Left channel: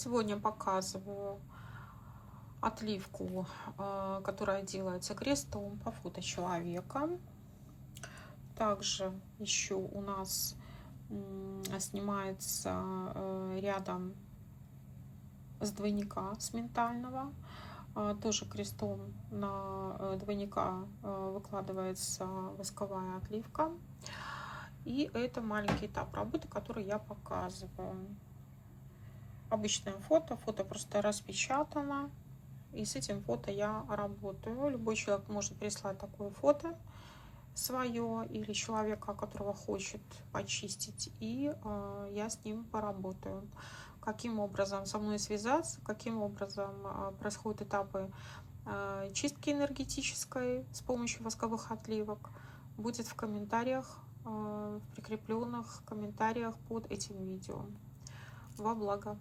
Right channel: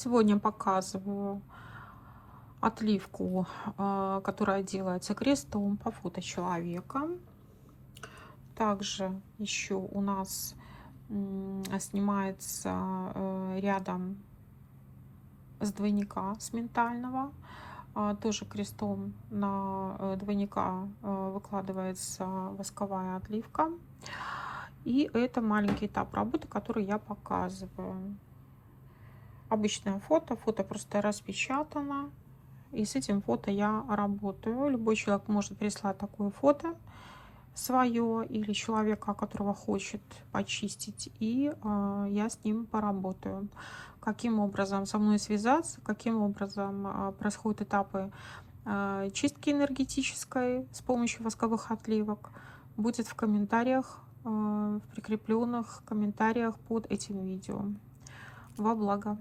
Сегодня показываю отливку, которая делается крестом по фото человека. Также еще у нас снимается рядом с двойника, с ментального. Тоже крестом на двойника выкладывается восковая отливка. И это маленький этап работы, который я показываю. Обычное фото просто распечатано, и с этим фото я работаю. Любой человек может прислать такое фото свое или человека, которого хочет почистить, и я с ним поработаю. Каким образом со мной связаться, каким образом происходят этапы чистки энергетической с помощью восковых отливок, будет в комментариях, в прикрепленных комментариях под этим видео. Во благо!